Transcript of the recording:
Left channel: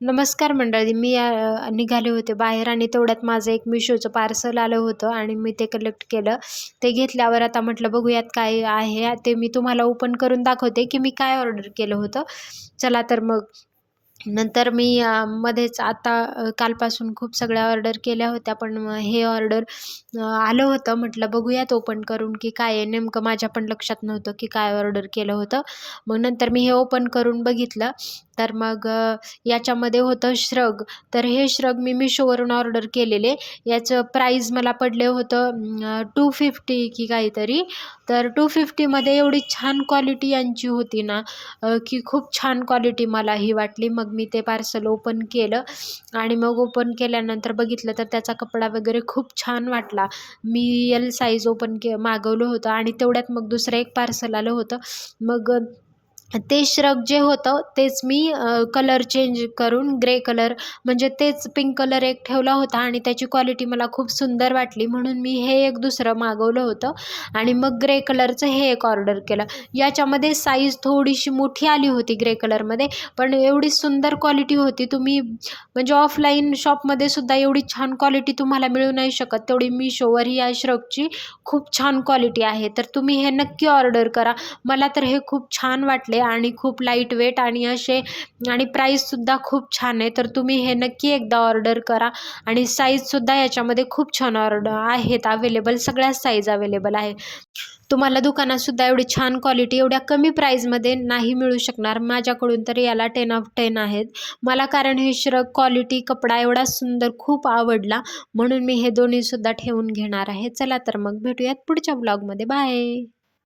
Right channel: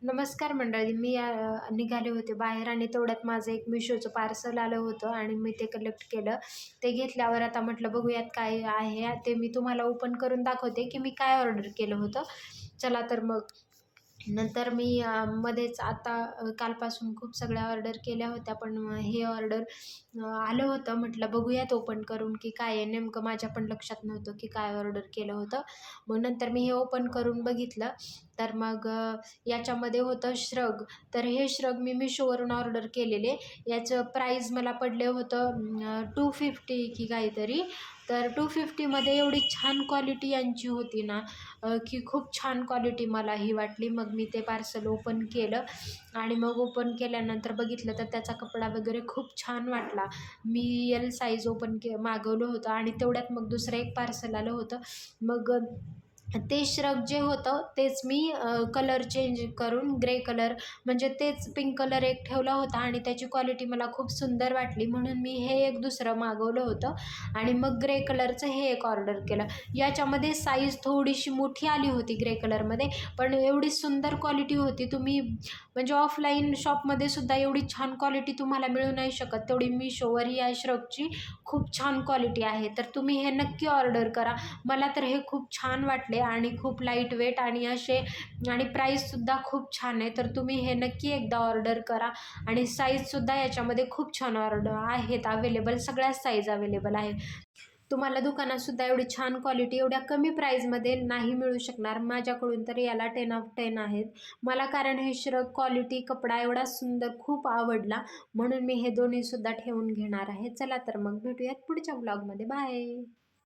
नमस्कार मंडळी. मी निघाले होते बाहेर आणि तेवढ्यात माझं एक मिशोचं पार्सल आलं होतं आणि मी ते कलेक्ट केलं. ते घेतल्यावर आता म्हटलं बघूयात काय आहे ते. मी तुम्हाला ओपन करून दाखवते की मी काय ऑर्डर केलं होतं. चला तर मग. नंतर मी मध्येच आता कालपासून खूप सगळ्या ऑर्डर केल्या होत्या, पण हे ऑर्डर आलं होतं. म्हटलं बघूयात ओपन करून की काय आहे. नेमकं माझ्या पण लक्षात नव्हतं की काय ऑर्डर केलं होतं. मग नंतर मी हे ओपन करून बघितलं, तर मग याच्यामध्ये होतं श्रग. तर हे श्रग मी मिशोवरून ऑर्डर केलेले. याचं प्राईज मला पडले होतं 250 की काहीतरी. तर 250मध्ये एवढी छान क्वालिटी यांची होती ना, की खूप छान क्वालिटी मला ही वाटली. मग मी ते पार्सल ओपन केलं आणि मग ओपन केल्यानंतर बघितलं तर त्याचा कपडा वगैरे खूप छान वाटला. मी एल साईज मागवलं होतं आणि तेवढ्यात मग दुसरं एक पार्सल आलं होतं. मग ते श्रग जे होतं तेच मी कलर चेंज करून ग्रे कलर, म्हणजे तेच पिंक कलर एक ठेवला होता आणि त्याची क्वालिटी मला खूप सुंदर वाटली, म्हणून मी हे एक दुसरं मागवलं होतं आणि मग ग्रे कलरचं हे एक ऑर्डर केलं. याच्यामध्ये साईज थोडीशी मोठी आली होती ग्रे कलरमध्ये, पण एवढी सुंदर क्वालिटी होती. तुम्ही म्हणजे ऑफलाईन शॉपमध्ये सुद्धा एवढी छान क्वालिटी तुम्हाला मिळू नाही शकत, तेवढी मिशोवर या श्रगची खूप छान क्वालिटी आहे. तर तुम्ही हे नक्की ऑर्डर करा. मला तर हे खूप छान वाटले आणि खूप लाईट वेट आणि असे, आणि प्राईससुद्धा खूप छान आहे. तर तुम्ही हे नक्की एकदा ऑर्डर करा. आणि साईजसुद्धा याच्यामध्ये खूप छान आहेत अवेलेबल, सगळ्याच साईज अवेलेबल आहे. तुम्हाला दुकानातसुद्धा एवढी छान क्वालिटी एवढ्या कमी प्राईजमध्ये नाही मिळू शकणार. माझ्याकडून तर याला 10/10 आहेत मला, कारण हे श्रग क्वालिटी कपडा एवढा सुंदर खूप आवडला, म्हणून मी हे दोन्हीसुद्धा ठेवून घेणार आहे. चला तर मग भेटूयात पुढच्या ब्लॉगमध्ये. बाय.